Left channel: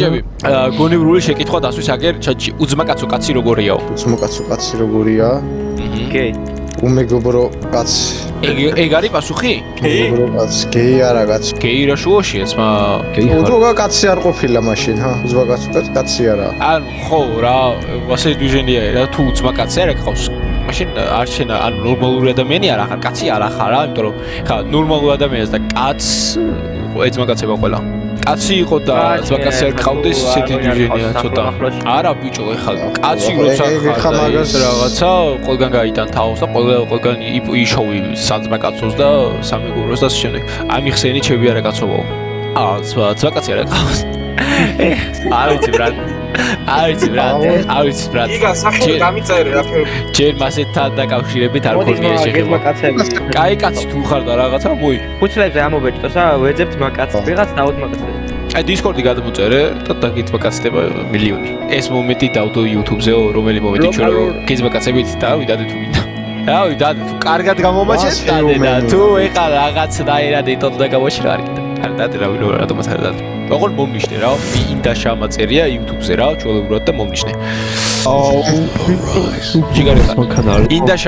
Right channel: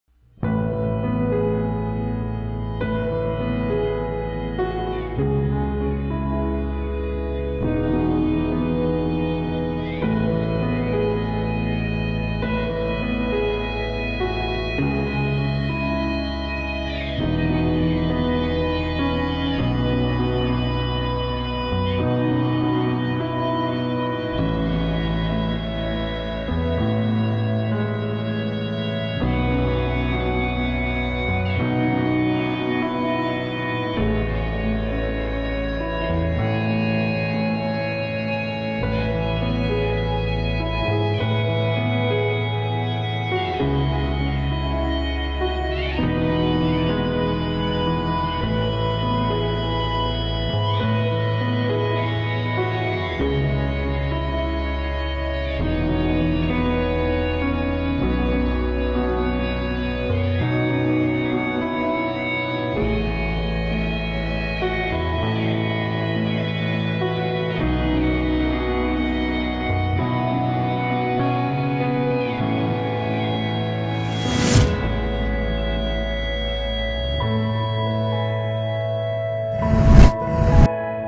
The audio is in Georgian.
ბიჭები, გონივრული შეკითხვა დასვის აგერ ჩატში. უძმაკაცო კაცი როგორიაო? უძმაკაცო კაცი როგორია? გეი. უმეგობრო კაცი. ეგ არის პასუხი? უმეგობრო კაცი. გეი არა კაცი. გეი რა შუაშია, ძმა? უძმაკაცო კაცი არ ყოფილა მაშინ, ჰა? უძმაკაცო კაცი არა. ან ხო რა, ასე დვიჟენია რა, თუ უძმაკაცი არ გყავს. მაშინ არ შენა, ან ნორმალური ადამიანი არ ახარ, კაცი არ ახარ რა, იმიტომ რომ ხა ნორმალურ ადამიანს და კაცს ეძმაკაცება ყველა. კაცი იყო და ძმაკაცი არ გყავდეს ისეთი დვიჟენია ცოტა. არა ბიჭო, ეხლა კაცი როცა ხარ რაღაცა, ყველგან გაიტან თავს და ყველგან იშოვი საძმაკაცოს და სამეგობროს და შემდეგ. ამიხსენი ჩემი არა კაცობაო. ძმაკაცი არ გყავს. არ ვიცი ბრატ. არ ვიცი ბრატ. იგა სახელი გამიწერე რა ფერ. ჯერ მასეთთან დაკავშირებით არ მქონია შეხება. კაი კაცი თუ ხარ და რაღაცა მოი. უცლებზე ამობეჭდოსა, ვეძებთ მაკაცს, ვიღაც დაუთმაკაცს. აი დისკორდი გადმოწერე და დაგიწმაკაცდება მილიონი. ეს მომენტი დავდო YouTube-ზეო, რომელი მომენტი ჩვენ რომ გეძმაკაცებით დავიდადე თუ მინდა. დავიდადე, კარგად გამომაჩეთ და თუ ეხა რაღაცნაირად იტოვ და გამოჩერა არ კიდე. ან დადე რა ვინო რატომაც არ დადე. ოღონდ მომნიშნე რა, და შემაწერია YouTube-ზე რა, ჩვეულებრივად და მომნიშნე. ჯიგარი. ინდა